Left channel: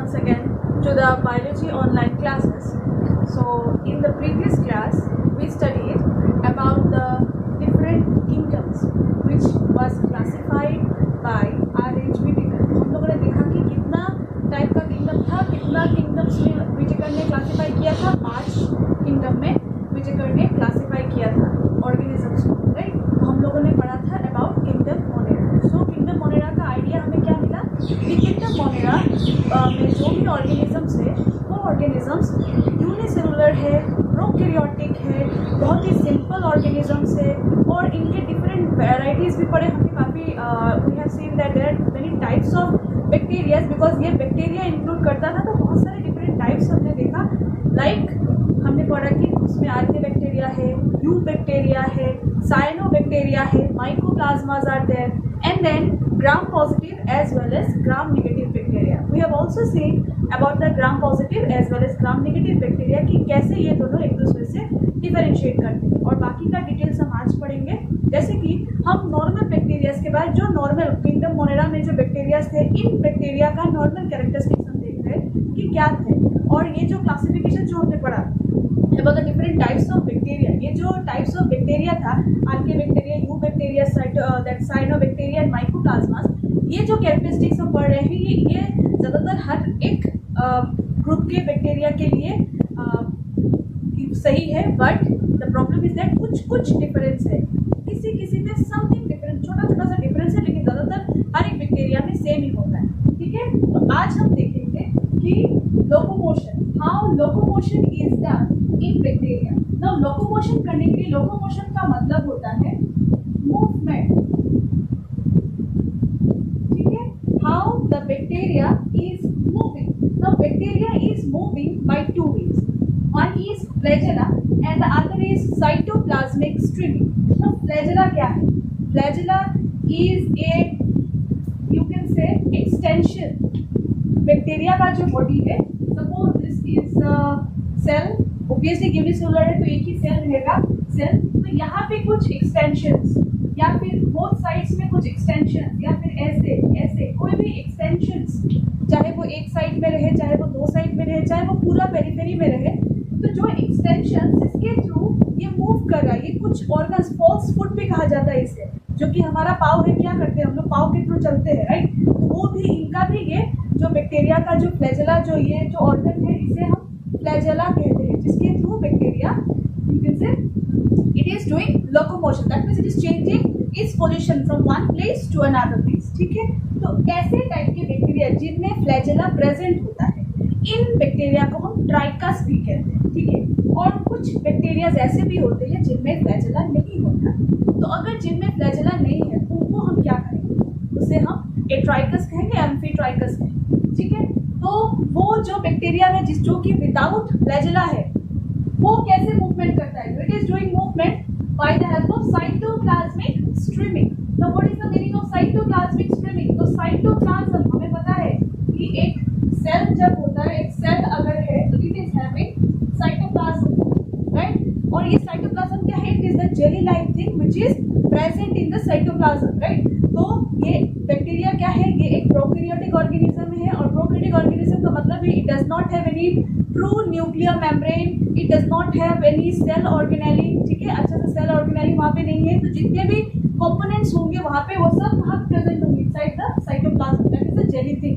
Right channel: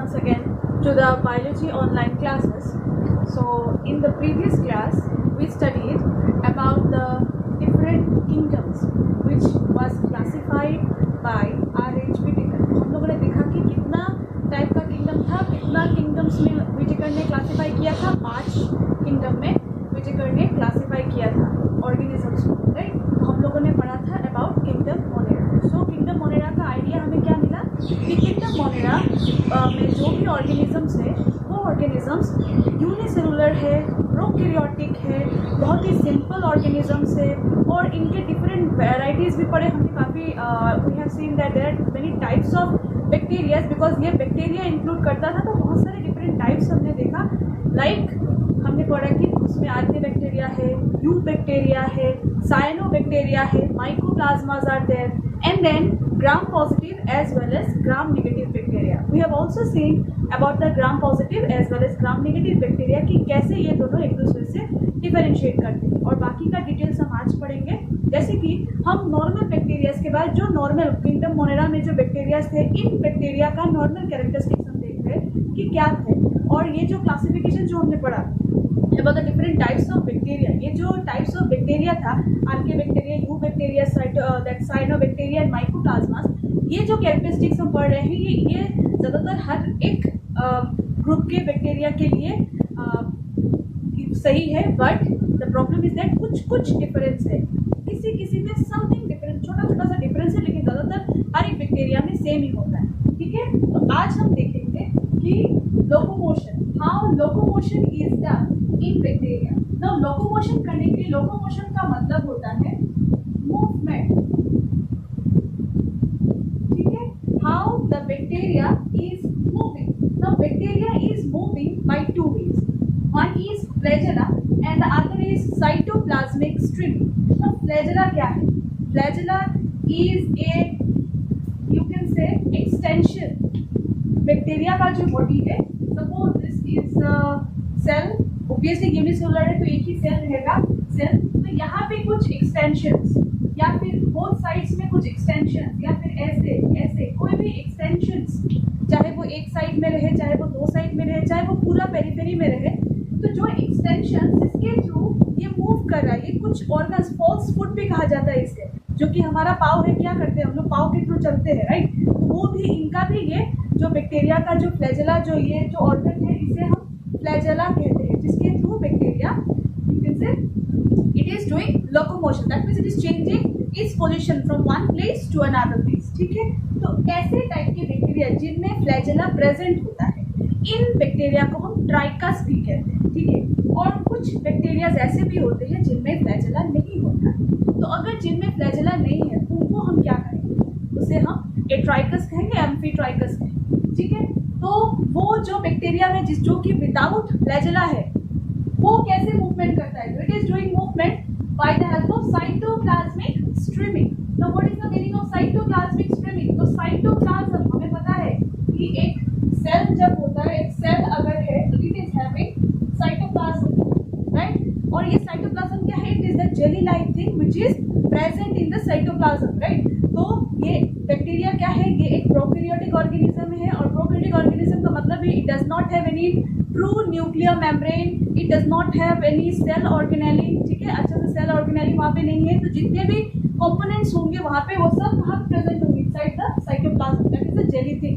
once again to the biology online classes. So in the previous class we studied about the different kingdoms which was classified by R.H. Whittaker. हम लोगों ने देखा कि कितना type का kingdom था, कितना किंगडम्स में व्हिटेकर ने क्लासिफाई किया था। 5 किंगडम में व्हिटेकर ने क्लासिफाई किया था ऑर्गेनिजम्स को, राइट। तो हम लोगों ने पढ़ा था about kingdom Monera. So kingdom Monera का आइडिया हमें क्या मिला कि किंगडम मोनेरा में जो भी ऑर्गेनिजम्स है वो ऑर्गेनिजम्स यूनिसेलुलर है, प्रोकैरियोटिक है, बहुत ही सिंपल ऑर्गेनिजम्स है और इनके डिफरेंट वैराइटीज़ भी पढ़े हमने काफ़ी। We have seen that there are many types of bacterias, because ये बैक्टीरिया इंक्लूड करता था तो बहुत सारे डिफरेंट टाइप्स हमने देखा। लाइक हमने पढ़ा कि उसमें आर्किया बैक्टीरिया है, यू बैक्टीरिया है, साइनोबैक्टीरिया है, mycoplasmas are there, and then gram positive as well as gram negative bacteria. We have also seen about the gram positive as well as gram negative bacteria कि कैसे ये दोनों एक दूसरे से डिफरेंशिएट करते हैं और बाकी का डिटेल्स हम आज पढ़ेंगे। जैसे कि हम नॉर्मल बैक्टीरियाज के बाद जो नॉर्मल किंगडम मोनेरा में जो बैक्टीरियाज थे, इन बैक्टीरिया का नॉर्मल कैरेक्टरिस्टिक्स हम देख रहे हैं कि क्या थे। और ये जो क्लासिफिकेशन जो हमने पढ़ा about the different types of bacteria, ये जो types of bacteria था, archaeobacteria, eubacteria, that cyanobacteria and mycoplasmas, ये जो कैरेक्टरिस्टिक्स हम पढ़ रहे हैं ये ज़्यादातर हर एक ग्रुप के बैक्टीरिया के लिए सही है। But the problem is that कुछ डिफरेंस है, किसी में समथिंग डिफरेंस, छोटा सा डिफरेंस है, लेकिन ज़्यादातर हर एक बैक्टीरिया में सेम ही होता है। ठीक है, तो आज हम देखेंगे कि locomotion, how locomotion is done in bacteria. Now locomotion करने के लिए, लोकोमोशन का मतलब होता है मूवमेंट। ठीक है, how the bacteria is moving. Now bacteria is moving by 2 ways. One is flagella and the other is cytoplasmic streaming. Now flagella क्या है? Flagella is a, you can say, extension. Bacteria का जो body है, suppose this is cell, obviously unicellular है तो एक ही cell रहेगा cell, तो यहाँ पे कुछ एक्सटेंशंस या फिर बोथ साइड्स में कुछ एक्सटेंशन या फिर ऐसे कोई भी एक्सटेंशंस, चाहे वो एक साइड में रहे, चाहे वो 2 साइड में रहे, चाहे वो पूरा पेरिफेरी में रहे, तो जो एक्सटेंशंस इसके थ्रू ये मूव कर रहा है, ये कुछ ऑर्गन्स, फॉल्स फुट भी कहा जाता है इसे, जो कि हमारा पाव है, क्या करते हैं हम लोग, पाव के थ्रू चलते हैं, राइट। तो वो भी, इनका भी ये जो बैक्टीरिया का जो फ्लैजेला, जो ये जो ऑर्गन है, इसे हम फ्लैजेला कहते हैं, जिसके through bacteria, you can say, it is doing locomotion, that means it is changing its position from one place to another place. ठीक है, तो ऐसे टाइप के बैक्टीरिया जिनमें फ्लैजेला प्रेजेंट होता है, इन बैक्टीरिया को हम ट्राइकस भी कहते हैं। ठीक है, और कुछ बैक्टीरिया ऐसे भी होते हैं जिनमें फ्लैजेला नहीं होता है, तो अगर जिनमें फ्लैजेला नहीं है तो उनको हम क्या कहेंगे, उसे हम एट्राइकस कहेंगे, एम्फीट्राइकस कहेंगे। ठीक है, तो वो जो बैक्टीरिया में जो कि विदाउट फ्लैजेला है, वो कैसे मूवमेंट करता है, it is doing movement by the help of cytoplasmic streaming. Now what is the meaning of cytoplasmic streaming? तो साइटोप्लाज्म, हमें पता है कि एक सेल जब होता है, एक सेल अगर है तो it is having cytoplasm, right. और ये साइटोप्लाज्म क्या है? It is the jelly like thing which is present in the cytoplasm, right. तो ये बैक्टीरिया क्या है? ये एक प्रोकैरियोटिक ऑर्गेनिज्म है, और प्रोकैरियोटिक ऑर्गेनिज्म का मतलब है it does not have any true nuclear membrane, it does not have any cell organelle. ठीक है, अच्छा से सेल ऑर्गेनेली वहाँ पे नहीं है, तो जितने भी कंपोनेंट्स होंगे वहाँ पे, वो सब वहाँ प्रेजेंट होंगे inside the cytoplasm, that is the jelly thing,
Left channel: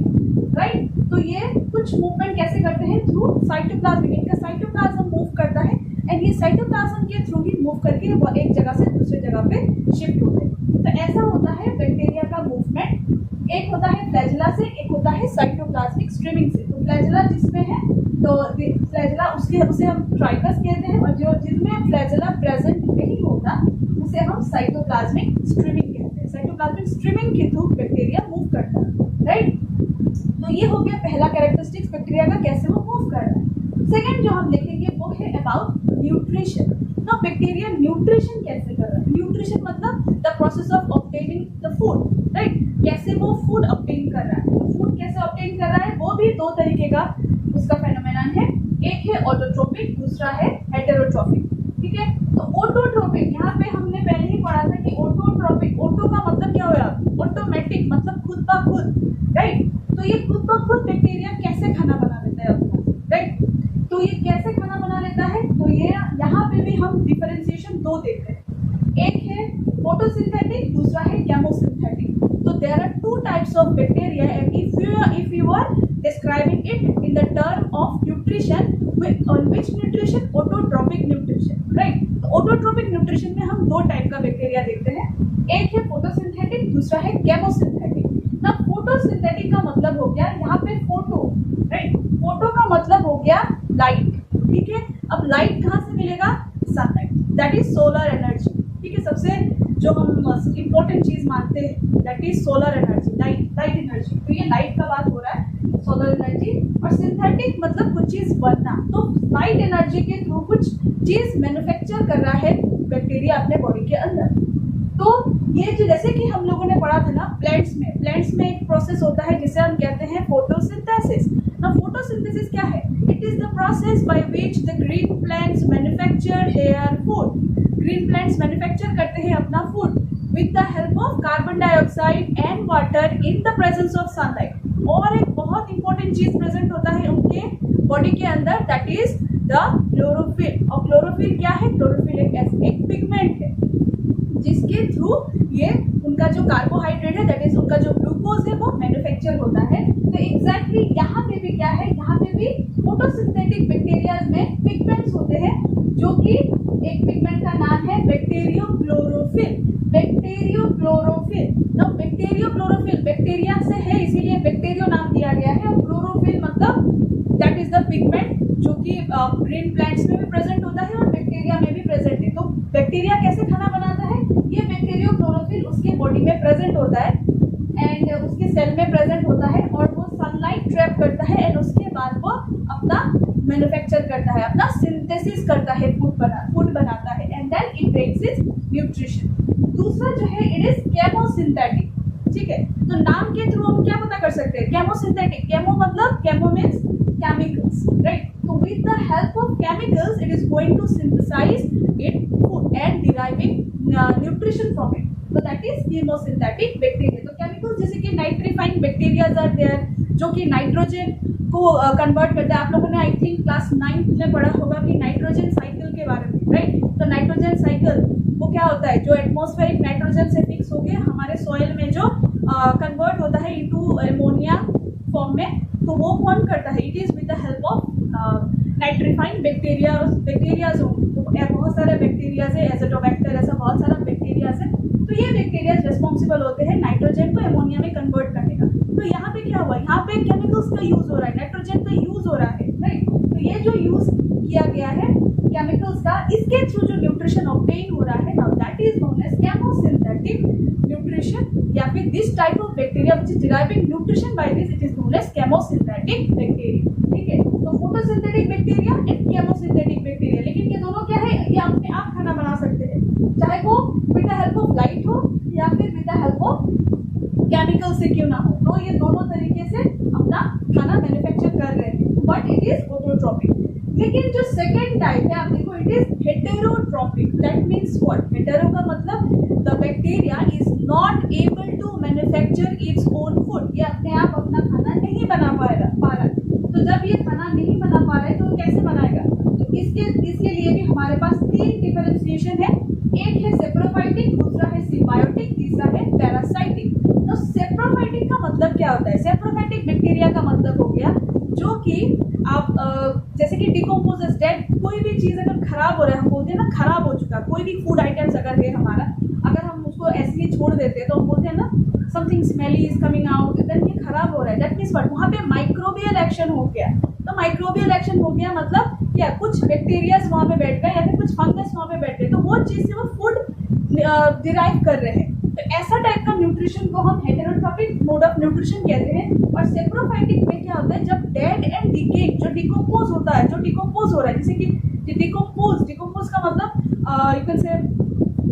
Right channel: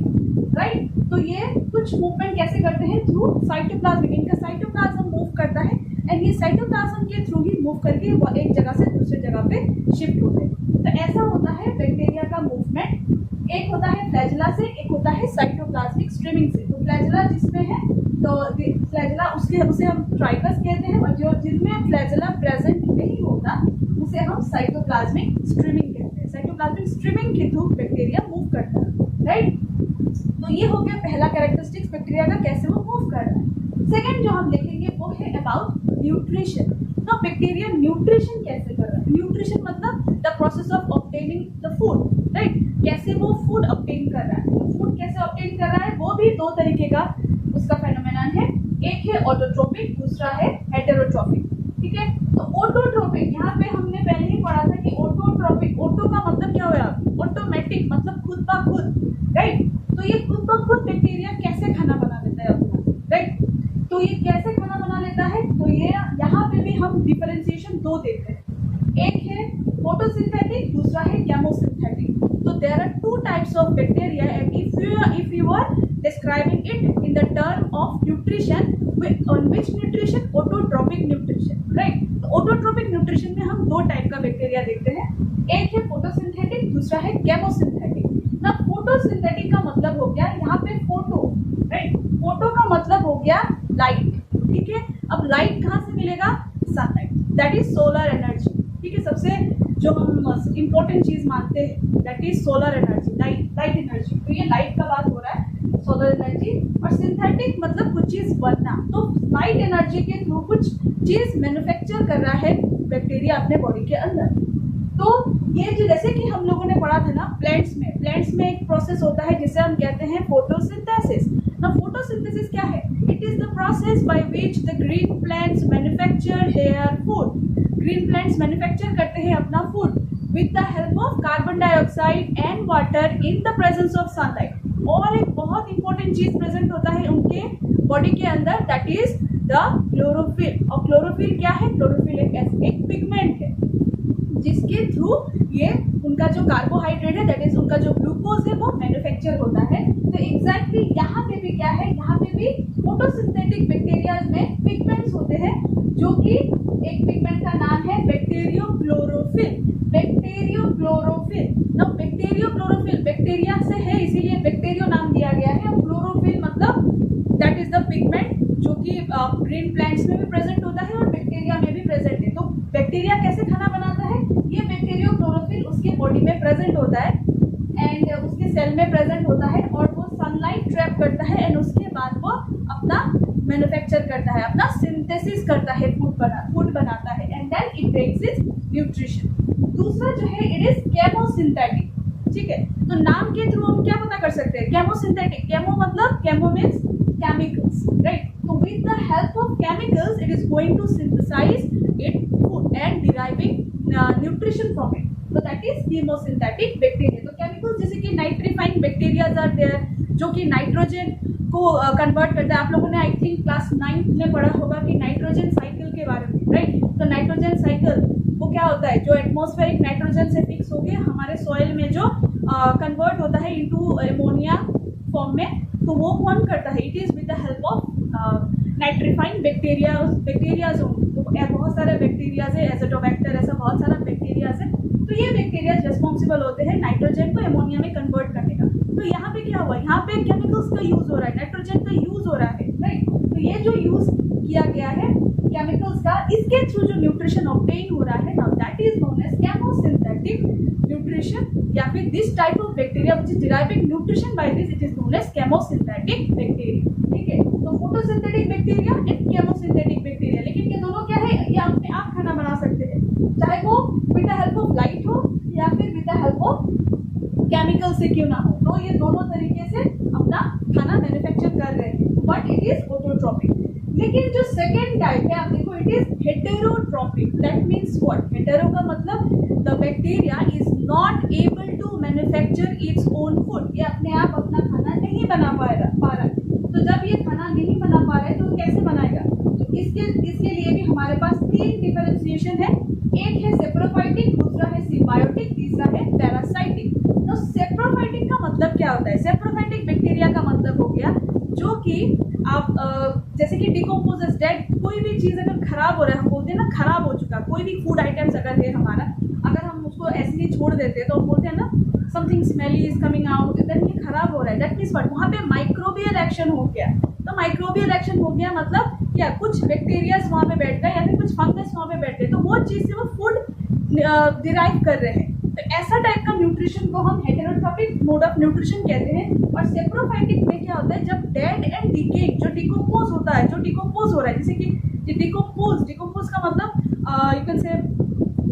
right. तो ये कुछ मूवमेंट कैसे करते हैं? थ्रू साइटोप्लाज्म, इनका साइटोप्लाज्म मूव करता है, एंड ये साइटोप्लाज्म के थ्रू ही मूव करके वो एक जगह से दूसरे जगह पे शिफ्ट होते हैं। तो ऐसा होता है बैक्टीरिया का मूवमेंट। एक होता है फ्लैजेला से, एक होता है साइटोप्लाज्मिक स्ट्रीमिंग से। तो फ्लैजेला जिसमें है, तो फ्लैजेला उसे हम ट्राइकस कहते हैं, और जो जिसमें फ्लैजेला प्रेजेंट नहीं होता उसे हम साइटोप्लाज्मिक स्ट्रीमिंग कहते हैं। साइटोप्लाज्मिक स्ट्रीमिंग के थ्रू बैक्टीरिया मूव करता है, राइट। तो ये हो गया पहला कैरेक्टरिस्टिक्स बैक्टीरिया का, कैसे वो मूव कर रहा है। सेकेंड जो हम देखेंगे वो है अबाउट न्यूट्रिशन। तो बैक्टीरिया न्यूट्रिशन कैसे कर रहा है? न्यूट्रिशन मतलब the process of obtaining the food, right. कैसे वो फूड ऑब्टेन कर रहा है, फूड कैसे ऑब्टेन कर रहा है, वो भी 2 तरीके का उसका फेनोमेनन है। एक है ऑटोट्रोपिक, दूसरा है हेटेरोट्रोपिक। ठीक है, तो ऑटोट्रोपिक, यहाँ पे हमने पहले ही पढ़ा था कि ऑटोट्रोपिक, ऑटो का मतलब क्या हुआ? ऑटोमेटिक, मतलब खुद ब खुद, राइट। तो ये खुद ब खुद बैक्टीरिया कैसे खाना बना लेता है अपना, राइट। तो ये कैसे खाना बना लेता है, तो ये यहाँ पे भी हम डिफरेंशिएशन दो देखते हैं, एक है फोटोसिंथेटिक, दूसरा है केमोसिंथेटिक। तो there are two types of bacteria and if you are describing it in the term of nutrition, on which nutrition, autotrophic nutrition, right। तो autotrophic nutrition में हम दो टाइप का बैक्टीरिया देखते हैं, एक है फोटोसिंथेटिक, दूसरा है केमोसिंथेटिक। ना फोटोसिंथेटिक का मतलब हो गया यहाँ पे फोटो, राइट, फोटो का मतलब हो गया लाइट, ठीक है। अब लाइट कहाँ से मिलेगा, sunlight, that is solar energy, ठीक है। सबसे जो हम इम्पोर्टेंट चीज मानते हैं that is solar energy, light energy. तो ये लाइट का बात हो रहा है, सोलर एनर्जी। और सिंथेटिक मतलब कुछ चीज बनना, तो लाइट एनर्जी के थ्रू कुछ चीज मैन्युफैक्चर कर रहा है बैक्टीरिया अपने बॉडी के अंदर। तो ये जो जैसे कि हम लोगों ने पढ़ा था ना, प्लांट्स में एक प्रोसेस होता है जिसे हम कहते हैं फोटोसिंथेसिस। ना फोटोसिंथेसिस क्या है, it is the process by which the green plants manufacture their food. Green plants manufacture करते हैं अपना food with the help of carbon dioxide and water in the presence of sunlight. और एक बहुत important चीज present होता है उनके बॉडी के अंदर, दैट इज द क्लोरोफिल। और क्लोरोफिल क्या है, क्लोरोफिल एक पिगमेंट है जिसके थ्रू ये उनका जो कार्बोहाइड्रेट है, दैट इज उनका जो ग्लूकोज है, वो मैन्युफैक्चर होता है। तो एग्जैक्टली यहाँ पे भी क्या है, यहाँ पे भी फोटोसिंथेटिक बैक्टीरिया में पिगमेंट्स होते हैं, जो कि एक पिगमेंट का नाम है बैक्टीरियोक्लोरोफिल। ना बैक्टीरियोक्लोरोफिल बैक्टीरिया से है, इसीलिए बैक्टीरियो नाम दिया गया है। और क्लोरोफिल मतलब दैट इज द पिगमेंट जो कि ग्रीन प्लांट्स में भी प्रेजेंट होता है और बैक्टीरिया में भी प्रेजेंट है। तो बैक्टीरिया कैसे खाना बनाता है, ये बैक्टीरियोक्लोरोफिल उसके बॉडी में प्रेजेंट होता है एंड उसके सेल में प्रेजेंट होता है, और वो सनलाइट ट्रैप करता है एंड उसके बाद वो अपना मैन्युफैक्चर करता है, अपना सिंथेसिस करता है, फूड बनाता है and then it takes its nutrition. दूसरा जो है इट इज केमोसिंथेटिक, ठीक है। तो नाम के थ्रू हम क्या पता कर सकते हैं, केमोसिंथेटिक, केमो मतलब केमो मीन्स केमिकल्स, राइट। तो with the help of chemicals it is going to synthesize it food and deriving nutrition from it, तो दैट इज केमोसिंथेटिक बैक्टीरिया। तो केमिकल्स जैसे कि नाइट्रीफाइंग बैक्टीरिया आर देयर, जो कि nitrogen को convert करता है। आप लोगों ने आई थिंक क्लास 9 में पढ़ा होगा कि नाइट्रोजन साइकिल के बारे में, राइट। तो नाइट्रोजन साइकिल वो क्या होता है, जो एटमॉस्फेरिक नाइट्रोजन से फिक्स होके हमारे सॉइल में जो कन्वर्ट होता है इनटू एमोनिया फॉर्म में, तो वो कौन करता है, it is with the help of nitrifying bacterias होंगे। तो बहुत सारे बैक्टीरियाज है, एजोटोबैक्टर, ऐसा बहुत सारा बैक्टीरियाज है। तो ये बैक्टीरिया रेस्पॉन्सिबल होते हैं नाइट्रोजन को एमोनिया में कन्वर्ट करने का। तो यहाँ पे क्या हुआ, यहाँ पे केमिकल्स का यूज हो रहा है, नाइट्रोजन का यूज हो रहा है, राइट। तो ये जो यूज किया गया है केमिकल्स का, इसके थ्रू जो न्यूट्रिशन ऑब्टेन हो रहा है, now that is known as chemosynthetic nutrition, या फिर this type of bacteria which is deriving nutrition by this, it is known as chemosynthetic bacteria, ठीक है। तो photosynthetic bacteria and chemosynthetic bacteria, लेकिन ये दोनों क्या है, ये अपने आप खाना बना सकते हैं, चाहे वो with the help of light हो या फिर with the help of chemical से क्यों ना हो। तो ये दोनों तरीके से अपना खाना मैन्युफैक्चर कर रहे हैं, बट इट इज ऑटोट्रॉपिक। लेकिन जो सेकेंड टाइप है, आप देखो, it is heterotrophic. That means what, hetero का मतलब the bacteria is not able to manufacture its own food, ये अपने आप अपना खाना नहीं बना पा रहा है। तो जब ये खाना नहीं बना पा रहा है तो कैसे बनाएगा, तो इसके लिए भी हमारे पास 3 डिफरेंशिएशन है, एक है सेप्रोफाइटिक, दूसरा है सिम्बायोटिक, तीसरा है पैरासाइटिक। तो सेप्रोफाइटिक का मतलब क्या होता है, सेप्रोफाइटिक बैक्टीरिया का मतलब हो गया जो कि आप जैसे कि डिकम्पोजेस, डेड कोई भी चीज अगर खराब हो रहा है, हम बोलते हैं ना खराब हो चुका, कोई भी फूड आइटम्स अगर है हमारा, अगर हम उसको ऐसे ही छोड़ देते हैं तो हम बोलते हैं ना something smelly is coming out, then ये खराब हो रहा है, दैट मीन्स व्हाट, वहाँ पे माइक्रोबियल एक्शन हो गया। तो माइक्रोबियल एक्शन हो गया मतलब क्या, कुछ बैक्टीरियाज वहाँ पे बैठ गए या फिर कुछ फंगस वहाँ पे बैठ गए, तो वो चीज से वो फूड डिराइव कर रहे हैं। तो ऐसा टाइप का न्यूट्रिशन को हम हेटेरोट्रॉपिक मोड ऑफ न्यूट्रिशन कहते हैं। और सेप्रोफाइटिक में क्या होता है, जब डेड एंड डिकेइंग, जो डिकम्पोज होता है, जो डिकम्पोज हो रहा है, जैसे कि डिकम्पोज का मतलब यू कैन से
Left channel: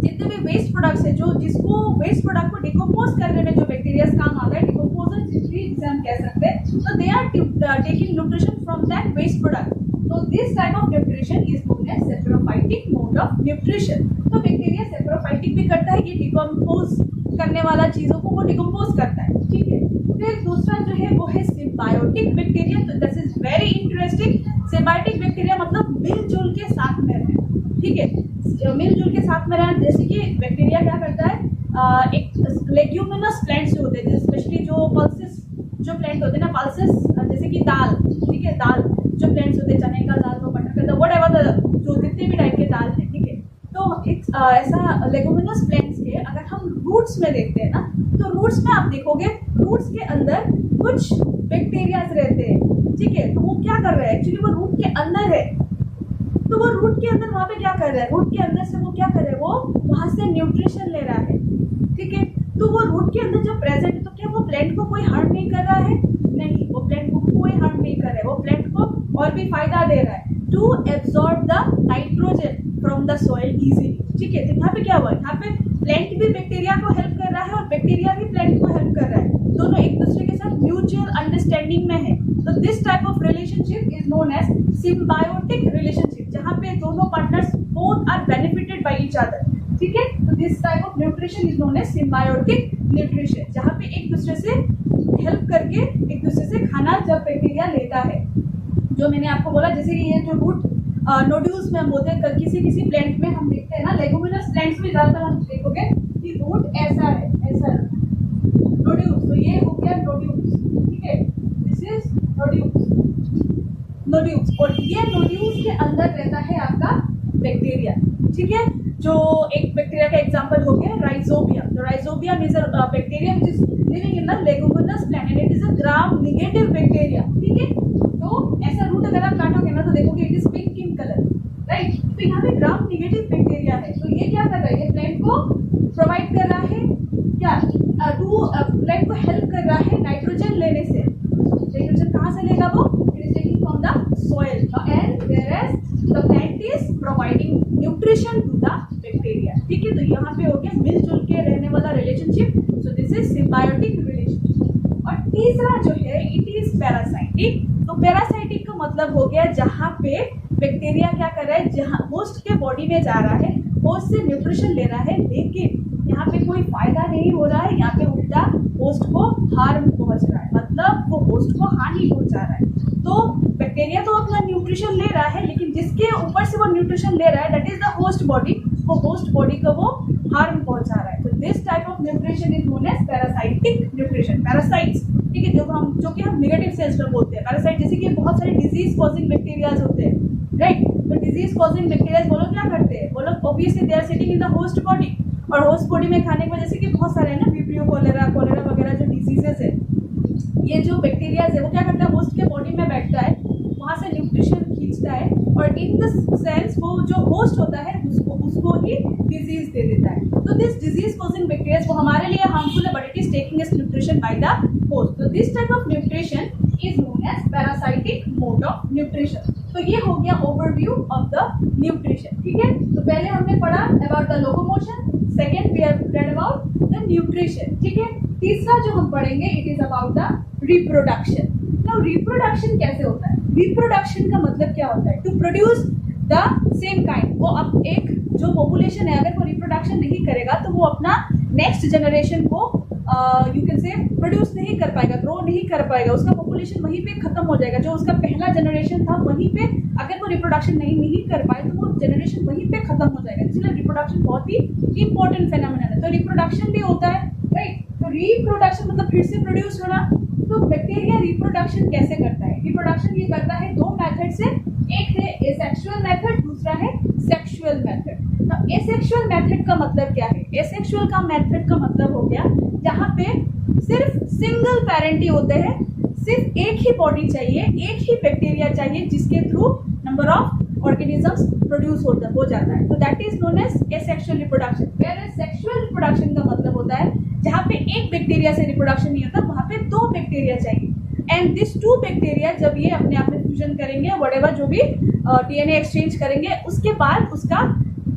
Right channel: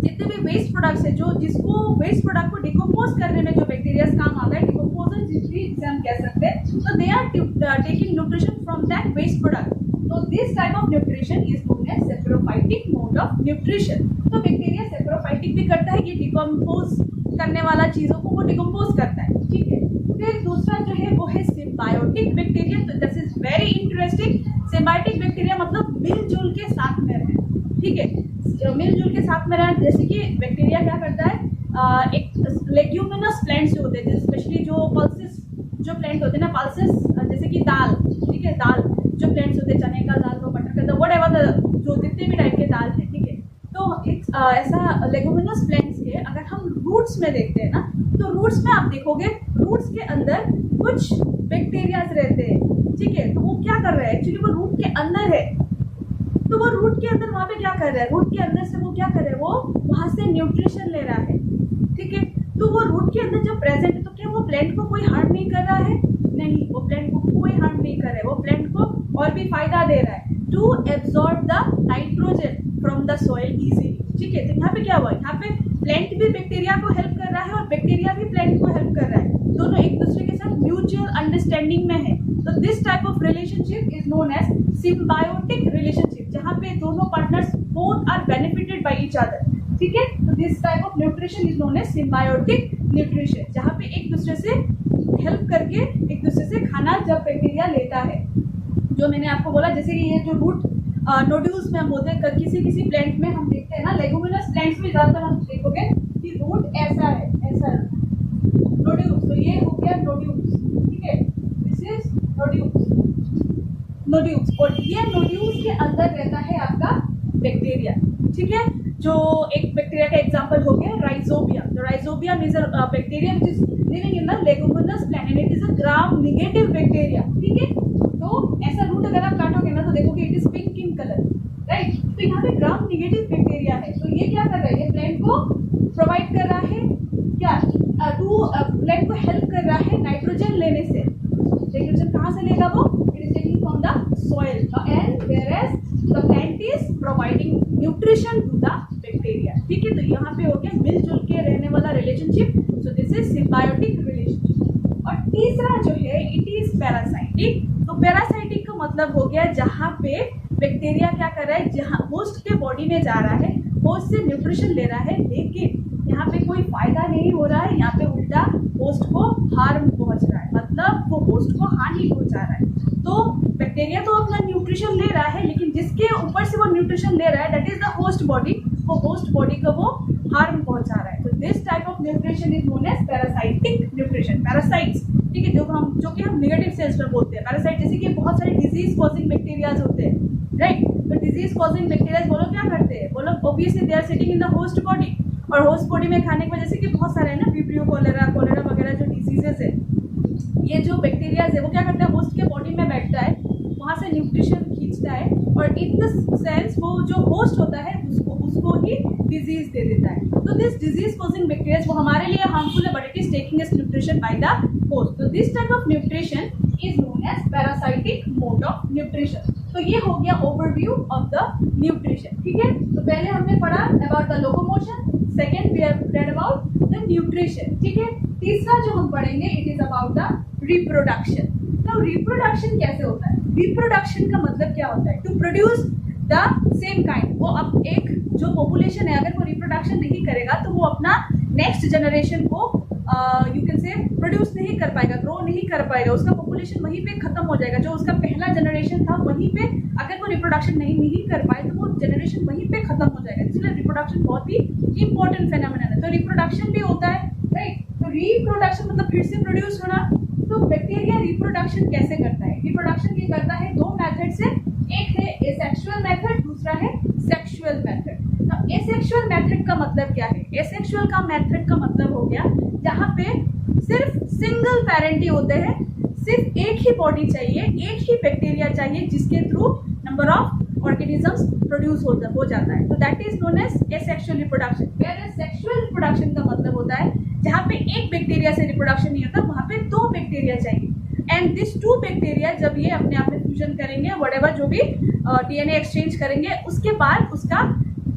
जितने भी वेस्ट प्रोडक्ट्स है, जो जिसको वेस्ट प्रोडक्ट को डिकम्पोज करने में जो बैक्टीरिया काम आता है, डिकम्पोजर जिसे हम कह सकते हैं, तो they are taking nutrition from that waste product. तो this type of nutrition is known as saprophytic mode of nutrition. तो बैक्टीरिया सेप्रोफाइटिक भी करता है, ये डिकम्पोज करने वाला चीजों को वो डिकम्पोज करता है, ठीक है। फिर दूसरा जो है वो है सिम्बायोटिक बैक्टीरिया। तो this is very interesting. Symbiotic bacteria मतलब मिलजुल के साथ में रहे, ठीक है, मिलजुल के साथ में रहे। जैसे कि बैक्टीरिया क्या करता है, एक लेग्यूमिनस प्लांट्स जो होते हैं, स्पेशली जो पल्सेस जो प्लांट होते हैं ना, पल्सेस जैसे कि दाल, ठीक है, दाल जो प्लांट्स होते हैं, चने का दाल हो, मटर का दाल, वट एवर जो जितने भी टाइप के दाल है, ठीक है। तो एक ऐसा लेगुमिनस प्लांट्स के अगर हम रूट्स में देखते हैं ना, तो रूट्स में आप देखोगे रूट्स के अंदर कुछ बैक्टीरियाज रहते हैं, ठीक है। तो वो क्या कर रहे हैं, एक्चुअली वो रूट के अंदर है, तो वो रूट के अंदर वहाँ पे क्या कर रहा है, रूट के अंदर से वो क्या कर रहा है, वो वहाँ से न्यूट्रिशन ले रहा है, ठीक है। तो वो रूट के अंदर जब प्रेजेंट है, तो क्या वो प्लांट को कोई हार्म नहीं कर रहा है? नहीं, वो प्लांट को कोई हार्म नहीं कर रहा है, वो प्लांट को और भी फायदा दे रहा है, to absorb the nitrogen from the soil easily, ठीक है। तो यहाँ पे क्या हुआ, यहाँ पे प्लांट भी बैक्टीरिया को हेल्प कर रहा है और बैक्टीरिया भी प्लांट को हेल्प कर रहा है, दोनों एक दूसरे के साथ म्यूचुअल अंडरस्टैंडिंग में है। तो this type of relationship is known as symbiotic relationship, जहाँ पे दोनों partners both are benefited by each other, ठीक है। तो this type of nutrition is known as symbiotic nutrition, जहाँ पे एक दूसरे से हेल्प करके एक दूसरे से खाना जब बैक्टीरिया लेता है। जो मैंने आपको बोला, जैसे कि ये जो रूट नोड्यूल्स में हम बोलते हैं, किसी किसी प्लांट में हम देखते हैं ना, लेगुमिनस प्लांट्स में ज्यादातर हम देखोगे कि रूट ऐसा है, ऐसा नोड्यूल्स। तो ये हो गया नोड्यूल्स, ठीक है, दिस इज नोड्यूल्स, और ये नोड्यूल्स के अंदर रहता है आपका बैक्टीरिया, ठीक है। जो एक बैक्टीरिया का एग्जांपल हो गया राइजोबियम। तो rhizobium is a bacteria which is living in the leguminous plant and it is a gram negative bacteria, ठीक है। तो ऐसा रूट अगर आप काटोगे ना, तो देखोगे it is pink in colour, right. तो यहाँ पे ग्राम नेगेटिव बैक्टीरिया है, तो ये क्या कर रहा है, ये प्लांट को प्रोवाइड कर रहा है क्या, टू प्लांट को हेल्प कर रहा है नाइट्रोजन लेने से। नाइट्रोजन कहाँ से लेगा वो, it is taking from the soil, and whereas the plant is providing nutrition to the bacteria, ठीक है। तो यहाँ पे हो गया मिलजुल के रहने वाला relationship, so this is symbiotic relationship. और तीसरा जो है इट इज पैरासाइटिक। तो पैरासाइटिक का मतलब हो गया जहाँ पे बैक्टीरिया क्या कर रहा है, जहाँ होस्ट के बॉडी में जा रहा है, होस्ट से न्यूट्रिशन ले रहा है, लेकिन यहाँ पे कोई फायदा नहीं हो रहा है, यहाँ पे उल्टा होस्ट को हार्म पहुंच रहा है, मतलब वो होस्ट को हानि पहुंचा रहा है। तो बैक्टीरिया तो अपना न्यूट्रिशन ले रहा है, लेकिन जिसके ऊपर से वो न्यूट्रिशन ले रहा है that is the host body, वो होस्ट बॉडी को वो हार्म पहुंचा रहा है। तो this type of nutrition is known as parasitic nutrition. Parasites, ठीक है, जो कि हम नेगेटिव सेंस में बोलते हैं पैरासाइट, जैसे कि बहुत सारे डिजीज कॉजिंग बैक्टीरियाज होते हैं, राइट। तो डिजीज कॉजिंग बैक्टीरियाज वो लोग क्या करते हैं, वो लोग obviously they are sitting in the host body, और होस्ट बॉडी में खाने की वजह से कि बहुत सारे है ना, विब्रियो कोलेरा वगैरह जो डिजीजेस है, ये जो बैक्टीरियाज है वो क्या करता है, होस्ट के बॉडी में बैठता है, वहाँ से न्यूट्रिशन खींचता है, और इन द सेंस वो जो होस्ट होता है उसको ही डिजीज दे देता है। तो दिस डिजीज कॉजिंग बैक्टीरियाज वो हमारे लिए हार्मफुल है, but it is taking its nutrition by the host. तो this type of nutrition is known as parasitic mode of nutrition. तो ये हो गया ओवरव्यू ऑफ द न्यूट्रिशन, ठीक है। तो पहले हमने पढ़ा about the locomotion, second we have read about the nutrition, ठीक है। तीसरा जो हम पढ़ेंगे it is about the reproduction. Now reproduction कैसे होता है, रिप्रोडक्शन का मतलब क्या होता है, to produce the same kind. वो अब एक जो पॉपुलेशन है अगर वो रिप्रोडक्शन नहीं करेगा तो वो अपना नेक्स्ट जनरेशन को यू कैन से प्रोड्यूस नहीं कर पाएगा, ग्रो नहीं कर पाएगा, उसका पॉपुलेशन वहीं पे खत्म हो जाएगा। जो उसका पहला जनरेशन था वहीं पे अगर वो रिप्रोडक्शन नहीं कर पाए तो वो जनरेशन वहीं पे खत्म हो जाएगा। इसलिए रिप्रोडक्शन बहुत ही इंपॉर्टेंट फेनोमेनन है। तो रिप्रोडक्शन भी होता है, राइट। तो रिप्रोडक्शन मतलब फिर से प्रोड्यूस होना। तो बैक्टीरिया रिप्रोडक्शन कैसे करता है, रिप्रोडक्शन ये करता है दो मेथड से, एक है एसेक्सुअल मेथड, दूसरा है सेक्सुअल मेथड। तो एसेक्सुअल मेथड का मतलब क्या है, एसेक्सुअल का मेथड का मतलब हो गया जहाँ पे सिर्फ सिंगल पेरेंट ही होते हैं, सिर्फ एक ही बॉडी चाहिए, एक ही बैक्टीरिया चाहिए जिसके through number of organisms produce हो जाता है। तो that is known as asexual reproduction. Whereas sexual reproduction का मतलब होता है जहाँ पे एक बैक्टीरिया से रिप्रोडक्शन नहीं होता, वहाँ पे दो बैक्टीरिया चाहिए, एंड दिस टू बैक्टीरिया जब ये अपने आप में फ्यूजन करेंगे, व्हाटएवर जो भी डीएनए एक्सचेंज करेंगे, उसके बाद उसका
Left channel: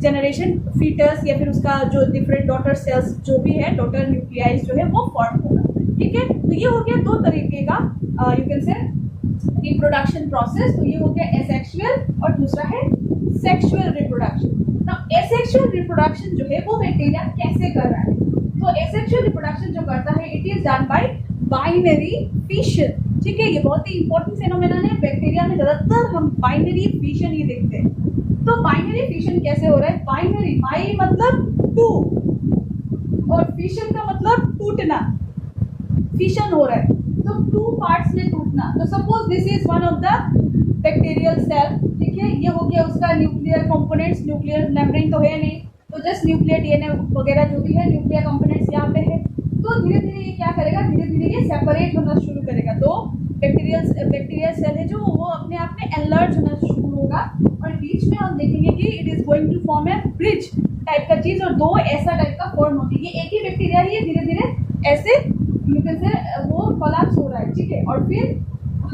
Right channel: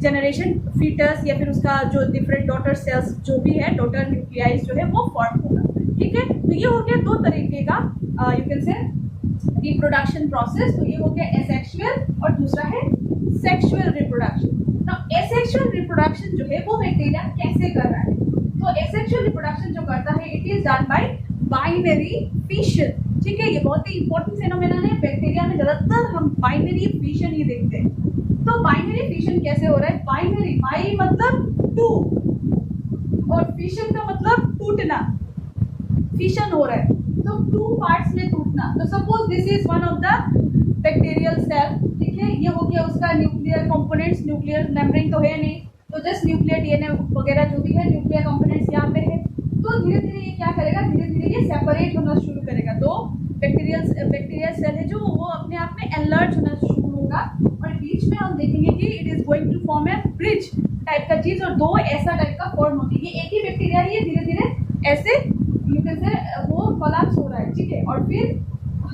जनरेशन फीटस या फिर उसका जो डिफरेंट डॉटर सेल्स जो भी है, डॉटर न्यूक्लियाइज जो है वो फॉर्म होगा, ठीक है। तो ये हो गया दो तरीके का यू कैन से रिप्रोडक्शन प्रोसेस। तो ये हो गया एसेक्सुअल और दूसरा है सेक्सुअल रिप्रोडक्शन। तो एसेक्सुअल रिप्रोडक्शन जो है वो बैक्टीरिया कैसे कर रहा है, तो एसेक्सुअल रिप्रोडक्शन जो करता है it is done by binary fission. ठीक है, ये बहुत ही इंपॉर्टेंट फेनोमेना है। बैक्टीरिया में ज्यादातर हम बाइनरी फिशन ही देखते हैं। तो बाइनरी फिशन कैसे हो रहा है? बाइनरी, बाई मतलब टू और फिशन का मतलब टूटना। फिशन हो रहा है तो टू पार्ट्स में टूटना। तो suppose this is one of the bacterial cell. ठीक है, ये हो गया उसका न्यूक्लियर कंपोनेंट्स। न्यूक्लियर मेम्ब्रेन तो है नहीं, तो जस्ट न्यूक्लियर डीएनए वगैरह जो भी है, न्यूक्लियर कंपोनेंट्स यहाँ पे है। तो धीरे धीरे ये क्या करेगा, धीरे धीरे ये सेपरेट होना शुरू करेगा। तो बैक्टीरियल सेल है जो वो अपने आप में एनलार्ज होना शुरू होगा और बीच में हम देखेंगे कि it is going to form a bridge type का चीज, और दो ऐसा टाइप का फॉर्म होती है। ये एक ही बैक्टीरिया है, धीरे धीरे ऐसे यू कैन से वो कोलैप्स हो रहा है। ठीक है, और फिर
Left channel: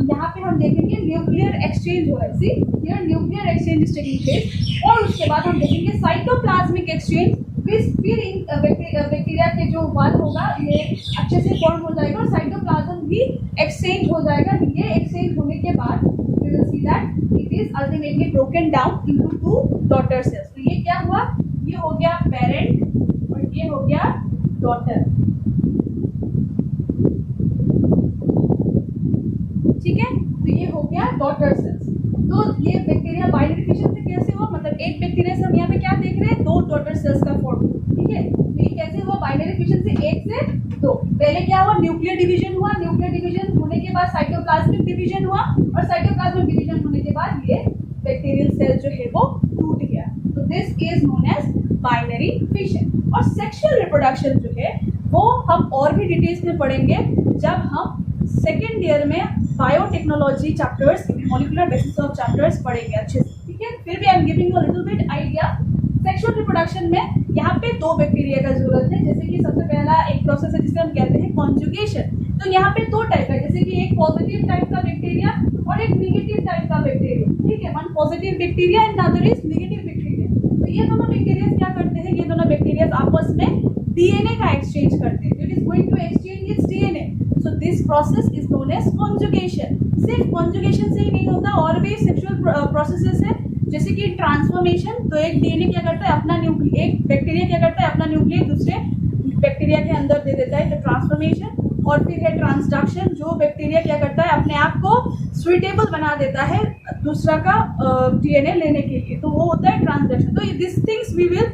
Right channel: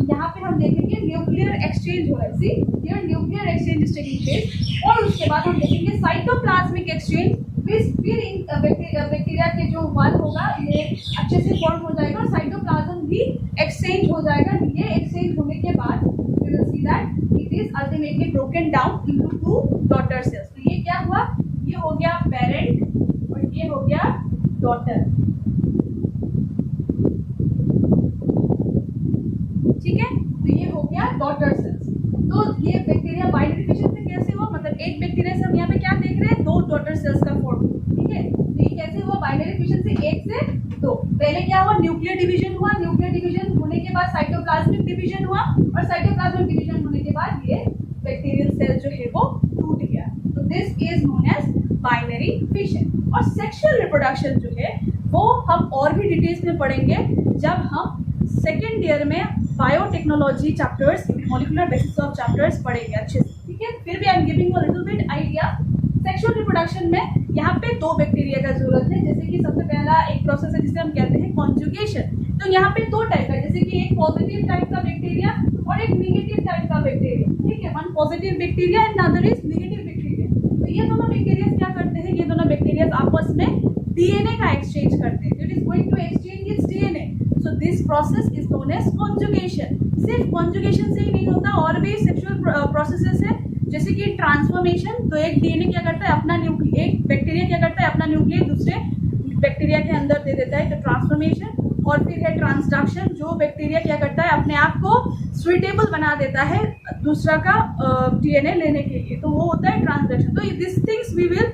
यहाँ पे हम देखेंगे न्यूक्लियर एक्सचेंज हो रहा है। See here nuclear exchange is taking place. और उसके बाद हम देखेंगे साइटोप्लाज्मिक एक्सचेंज। फिर इन बैक्टीरिया के जो वॉल होगा ये अच्छे से फॉर्म हो जाएगा और साइटोप्लाज्म भी एक्सचेंज हो जाएगा। ये एक्सचेंज होने के बाद we will see that it is ultimately broken down into two daughter cells. तो ये क्या हुआ, ये हो गया पेरेंट और ये हो गया डॉटर। ठीक है, तो ये हो गया डॉटर सेल्स। तो ये बैक्टीरिया बाइनरी फिशन से कैसे हुआ, मतलब एक बैक्टीरिया से हम यहाँ पे क्या देख रहे हैं, दो डॉटर सेल्स का फॉर्म। ठीक है, तो ये कैसे हुआ बाइनरी फिशन से एक से दो। पहले क्या हुआ, न्यूक्लियर डिवीजन हुआ। न्यूक्लियर डिवीजन होने के बाद साइटोप्लाज्मिक डिवीजन हुआ और साइटोप्लाज्मिक डिवीजन होने के बाद ये बैक्टीरियल सेल जो है वो टूट गया। तो this is known as binary fission. और सेक्सुअल रिप्रोडक्शन जो है वो हम और भी डिटेल्स में पढ़ेंगे जब हम सेकेंड ईयर में biotechnology chapters, molecular basis of chapters पढ़ेंगे अच्छे से। ठीक है, फिर भी I am giving you a little bit idea. Sexual reproduction में यहाँ पे दो बैक्टीरिया का जरूरत है। जैसे कि सबसे पहला एक प्रोसेस है जिसे हम कहते हैं कॉन्जुगेशन। तो यहाँ पे दो टाइप का, जैसे कि एक पॉजिटिव टाइप का बैक्टीरिया और एक निगेटिव टाइप का बैक्टीरिया। ठीक है, one positive bacteria and other is negative bacteria. तो ये दोनों बैक्टीरिया क्या करते हैं, ये दोनों बैक्टीरिया आपस में डीएनए का एक्सचेंज करते हैं। It is going to exchange its DNA. So this process is known as conjugation. सिर्फ कॉन्जुगेशन से ही नहीं होता, और भी सेक्सुअल प्रोसेसेस है, जैसे कि ट्रांसफॉर्मेशन। तो एक डीएनए क्या करता है, अपना न्यूक्लियर, एक बैक्टीरिया क्या करता है, अपना न्यूक्लियर दूसरे बैक्टीरिया के अंदर दे देता है, तो ट्रांसफॉर्मेशन। और फिर है ट्रांसडक्शन, जो बैक्टीरिया क्या करता है, अपने आप को सुइटेबल बना देता है दूसरा का डीएनए लेने के लिए, तो वो होता है ट्रांसडक्शन। तो this things we will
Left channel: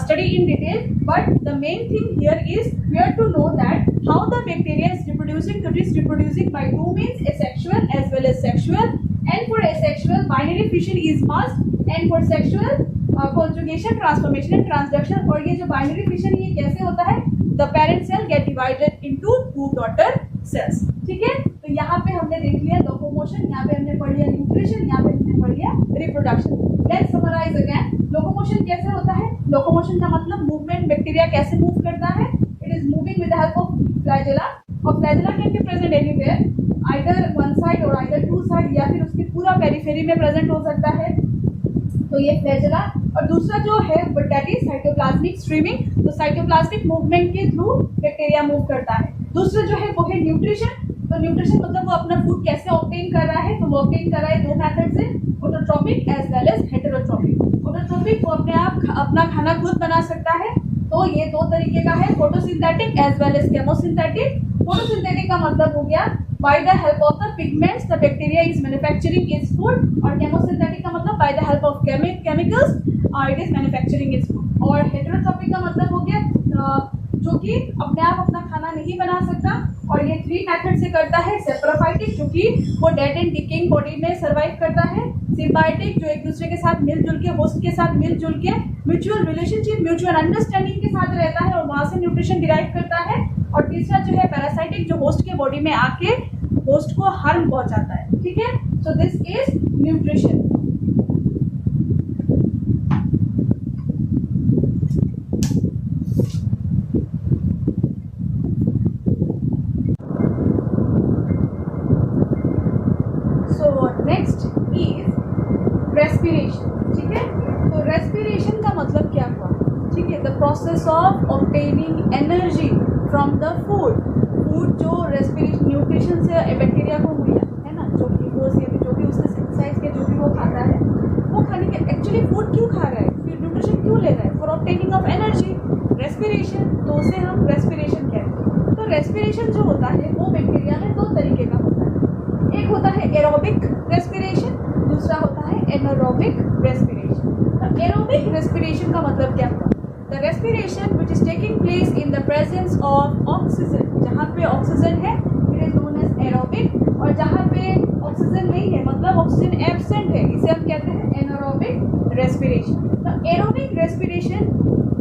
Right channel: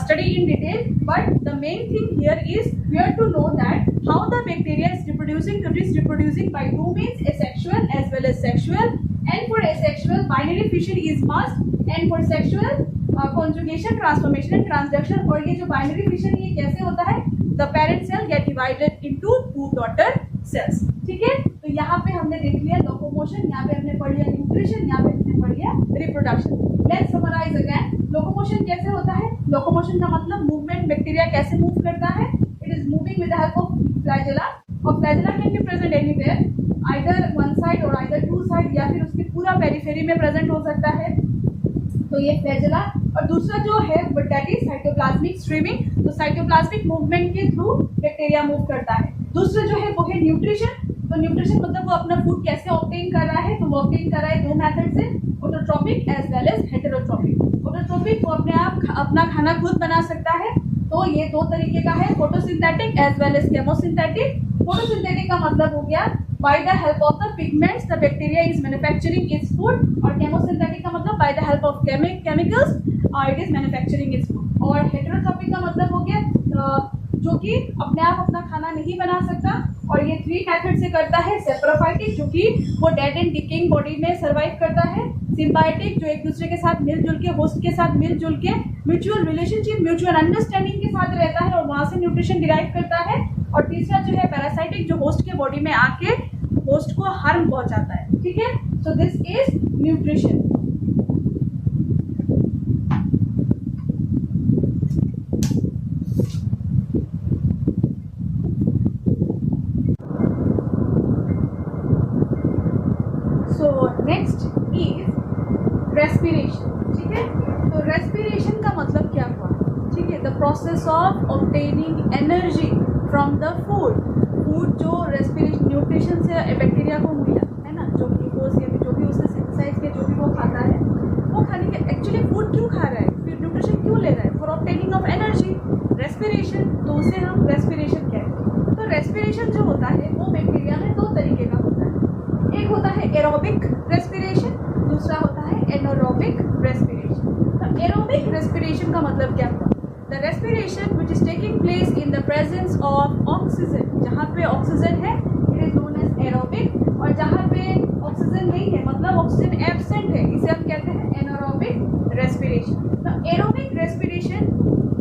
study in detail, but the main thing here is we have to know that how the bacteria is reproducing. It is reproducing by two means, asexual as well as sexual. And for asexual, binary fission is must, and for sexual, conjugation, transformation and transduction. और ये जो binary fission ये कैसे होता है, the parent cell get divided into two daughter cells. ठीक है, तो यहाँ पे हमने देख लिया लोकोमोशन, यहाँ पे हमने पढ़ लिया न्यूट्रिशन, यहाँ पे हमने पढ़ लिया reproduction. Let's summarize again. Locomotion कैसे होता है, लोकोमोशन का मतलब मूवमेंट। बैक्टीरिया कैसे मूव करता है, it is moving with the help of flagella. और flagella can be present anywhere, either one side और आइदर टू साइड, या फिर उसके पूरा पेरिफेरी में प्रेजेंट हो सकता है। तो ये फ्लैजेला। और दूसरा जो है दैट इज साइटोप्लाज्मिक स्ट्रीमिंग। तो साइटोप्लाज्मिक मूवमेंट के थ्रू बैक्टीरिया मूव करता है। दूसरा जो है वो है न्यूट्रिशन। तो न्यूट्रिशन मतलब वो अपना फूड कैसे ऑब्टेन कर रहा है, तो वो ऑब्टेन कर रहा है दो मेथड से, autotrophic as well as heterotrophic. Autotrophic वो अपने आप अपना खाना खुद बना सकता है, तो ये दो तरीके का है, photosynthetic as well as chemosynthetic. Photosynthetic का मतलब हो गया by the help of the pigments the bacteria is manufacturing its food, और केमोसिंथेटिक का मतलब by the help of chemicals it is manufacturing its food. और हेटेरोट्रॉपिक का मतलब हो गया जो कि अपने आप अपना खाना नहीं बना सकता, और ये थ्री मेथड से करता है। सेप्रोफाइटिक जो कि वो डेड एंड डिकेइंग बॉडी में सर्वाइव करता है। सिम्बायोटिक जो एक दूसरे के साथ मिलजुल के, होस्ट के साथ मिलजुल के म्यूचुअल रिलेशनशिप, म्यूचुअल अंडरस्टैंडिंग के साथ रहता है और वहां से न्यूट्रिशन डिराइव करता है। और तीसरा जो है पैरासाइटिक, जो होस्ट के बॉडी में आके होस्ट को हार्म पहुंचाता है। ठीक है, so this is nutrition. So next is respiration. ठीक है, तो रेस्पिरेशन का मतलब क्या हुआ, ठीक है, the process of obtaining energy from the food. Food जो रेस्पिरेशन न्यूट्रिशन से बैक्टीरिया को मिला है ना, जो ग्लूकोज या जो भी उसने सिंथेसाइज किया, जो भी वो खाता है, वो खाने के एक्चुअली फूड क्यों खा रहा है, फिर न्यूट्रिशन क्यों ले रहा है, for obtaining of energy, respiration. तो उसे हम रेस्पिरेशन कहते हैं। तो रेस्पिरेशन जो होता है वो बैक्टीरिया में दो तरीके का होता है। एक होता है एरोबिक रेस्पिरेशन, दूसरा होता है एनारोबिक रेस्पिरेशन। तो एरोबिक रेस्पिरेशन का मतलब क्या हुआ? The respiration which is taking place in the presence of oxygen. जहाँ पे ऑक्सीजन है it is known as aerobic, और जहाँ पे ऑक्सीजन नहीं है मतलब ऑक्सीजन एब्सेंट है इसे हम कहते हैं एनारोबिक रेस्पिरेशन। तो एरोबिक रेस्पिरेशन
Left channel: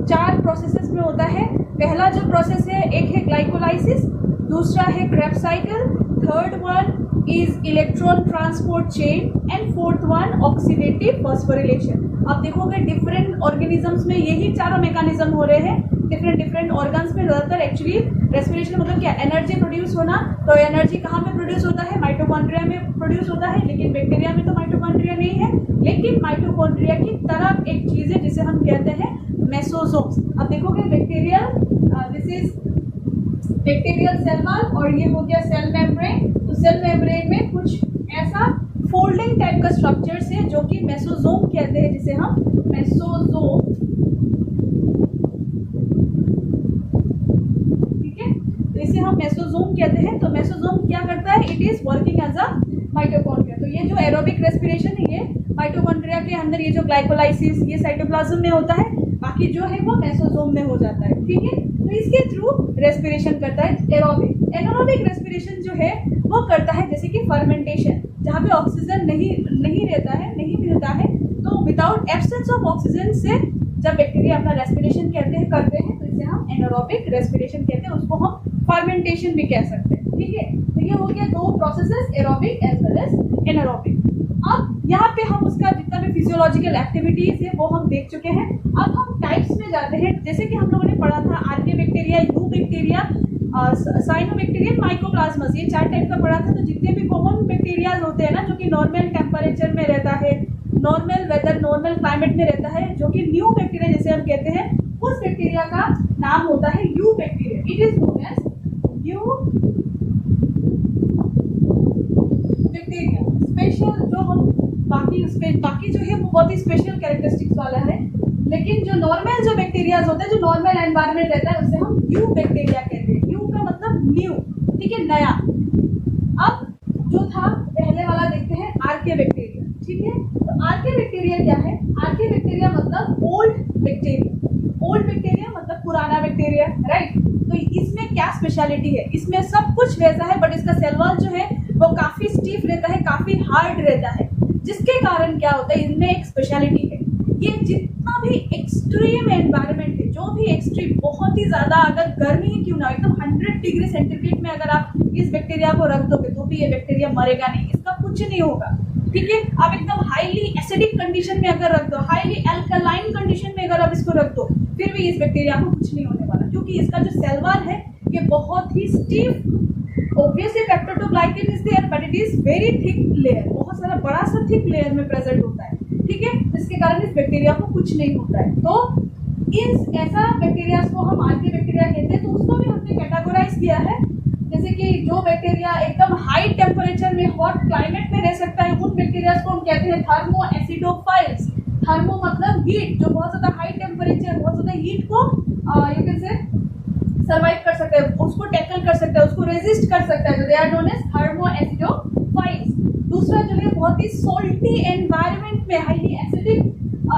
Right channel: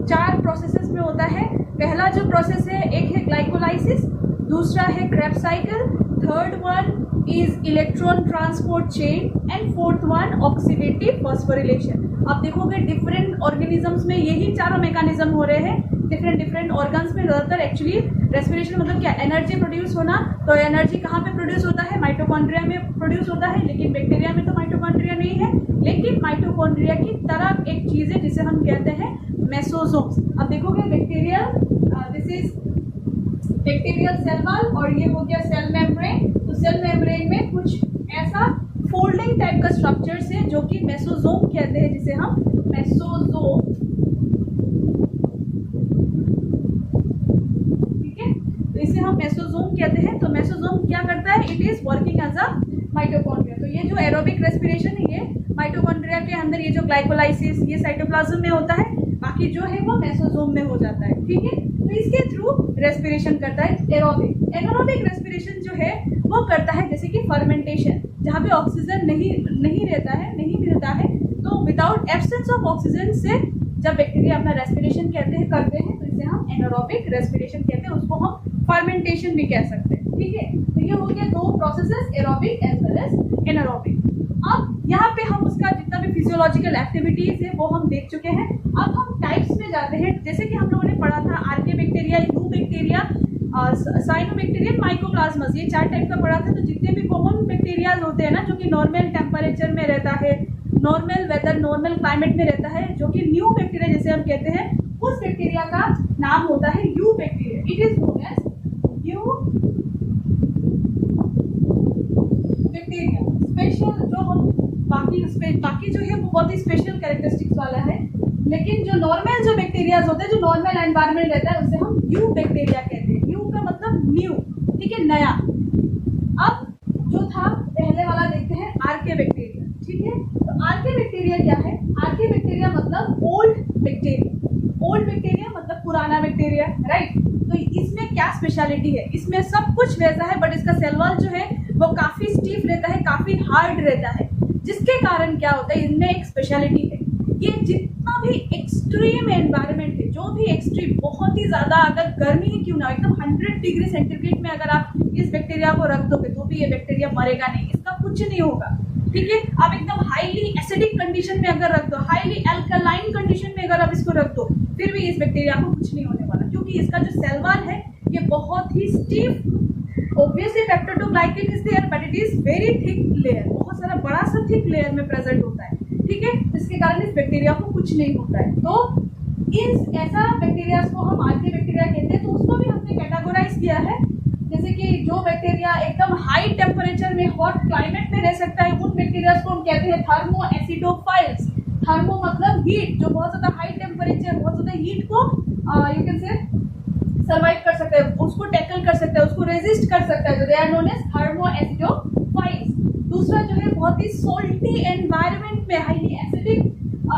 4 प्रोसेसेस में होता है। पहला जो प्रोसेस है एक है ग्लाइकोलाइसिस, दूसरा है Krebs cycle, third one is electron transport chain and fourth one oxidative phosphorylation. आप देखोगे डिफरेंट ऑर्गेनिजम्स में यही चारों मैकेनिज्म हो रहे हैं। डिफरेंट ऑर्गन्स में ज़्यादातर एक्चुअली रेस्पिरेशन मतलब क्या, एनर्जी प्रोड्यूस होना। तो एनर्जी कहाँ पे प्रोड्यूस होता है? माइटोकॉन्ड्रिया में प्रोड्यूस होता है, लेकिन बैक्टीरिया में तो माइटोकॉन्ड्रिया नहीं है। लेकिन माइटोकॉन्ड्रिया की तरह एक चीज़ है जिसे हम कहते हैं मेसोसोम्स। अब देखोगे bacterial, this is bacterial cell wall और ये हो गया सेल मेम्ब्रेन। तो सेल मेम्ब्रेन में कुछ ऐसा फोल्डिंग टाइप का स्ट्रक्चर्स है जो कि मेसोसोम कहते हैं, जिसे हम मेसोसोम, ठीक है, तो इसे हम मेसोसोम कहते हैं। तो मेसोसोम क्या करता है? It is working as a mitochondria. तो ये जो एरोबिक रेस्पिरेशन है ये माइटोकॉन्ड्रिया के अंदर ये जो ग्लाइकोलाइसिस ये साइटोप्लाज्म में होता है, बाकी जो है वो मेसोसोम में हो जाता है, ठीक है। तो इसके थ्रू रेस्पिरेशन करता है एरोबिक। एनारोबिक रेस्पिरेशन जो है वो करता है जैसे कि फर्मेंटेशन, जहाँ पे ऑक्सीजन नहीं रहता है, नहीं मिलता है, तो विदाउट एब्सेंस ऑफ ऑक्सीजन से जब बैक्टीरिया अपना रेस्पिरेशन करते हैं तो इसे हम एनारोबिक रेस्पिरेशन कहते हैं, उसको हम फर्मेंटेशन भी कह सकते हैं, ठीक है। तो ये हो गया 2 processes, aerobic as well as anaerobic. अब यहाँ पे हम उसका जितना भी फिजियोलॉजिकल एक्टिविटीज है वो हम देख चुके हैं। अब हम टाइप्स में जाते हैं। जैसे कि हम लोगों ने पढ़ा था आर्के बैक्टीरिया, यू बैक्टीरिया, साइनोबैक्टीरिया, माइकोप्लाज्मास, ये 4 टाइप का पढ़ा था। तो जितने भी कॉमन बैक्टीरियाज होते हैं ना जो कि नॉर्मल टेम्परेचर में रहता है, नॉर्मल वेदर, नॉर्मल क्लाइमेट में रहता है, जो कि न्यू बैक्टीरिया जैसे हम कहते हैं, उस बैक्टीरिया का नाम होता है eubacteria. It is known as eubacteria. Special जो हम बाकी जो है वो बहुत ही स्पेशल कैरेक्टरिस्टिक्स वाला है, लेकिन जो नॉर्मल जो बैक्टीरियाज होते हैं, जो नॉर्मल एनवायरनमेंट रहता है, उसे हम न्यू बैक्टीरिया कहते हैं। न्यू का मतलब न्यू, ठीक है, नया। अब जो था पहले वाला देखते हैं आर्के बैक्टीरिया, ठीक है। तो आर्के बैक्टीरिया क्या है? आर्के बैक्टीरिया मतलब ओल्ड बैक्टीरिया। ओल्ड बैक्टीरिया मतलब पुराना बैक्टीरिया, राइट। तो इसमें क्या स्पेशलिटी है? इसमें सब कुछ वैसा है, बट इसका सेल वॉल जो है वो काफी स्टीफ रहता है, काफी हार्ड रहता है, जिसके कारण क्या होता है, इनमें एक स्पेशलिटी है। ये जितना भी एक्सट्रीम एनवायरनमेंट है, जो भी एक्सट्रीम, बहुत ही ज्यादा अगर गर्मी ही क्यों ना, एकदम 100 डिग्री सेंटीग्रेड में अगर आप इस बैक्टीरिया को रख दोगे तो भी ये बैक्टीरिया मरेगा नहीं, इसका कुछ नहीं होगा, ठीक है। आप एकदम हाईली एसिडिक कंडीशन में अगर रख दो, हाईली अल्कलाइन कंडीशन में अगर आप इसको रख दो, फिर भी इस बैक्टीरिया को कुछ नहीं होने वाला, क्योंकि इसका जो सेल वॉल है ये बहुत ही stiff. Obviously peptidoglycan is there, but it is very thick layer, बहुत सारा बड़ा सा थिक लेयर में प्रेजेंट होता है, ठीक है। इसके कारण इस बैक्टीरिया को कुछ नहीं होता है। तो इस ऐसा बैक्टीरिया को हम आर्के बैक्टीरिया कहते हैं। तो उसको भी हमने कैटेगोराइज किया है, जैसे कि जो बैक्टीरिया एकदम हाई टेम्परेचर में, हॉट क्लाइमेट में रह सकता है, उन बैक्टीरिया को हम कहते हैं थर्मो एसिडोफाइल्स। थर्मो मतलब हीट, जो बहुत ज्यादा हाई टेम्परेचर, बहुत ज्यादा हीट को यू कैन से सर्वाइव कर सकते हैं, उसको टैकल कर सकते हैं, उसको रेजिस्ट कर सकता है, जो they are known as thermoacidophiles. दूसरा जो है बहुत ही सोल्टी एनवायरनमेंट में, हाईली एसिडिक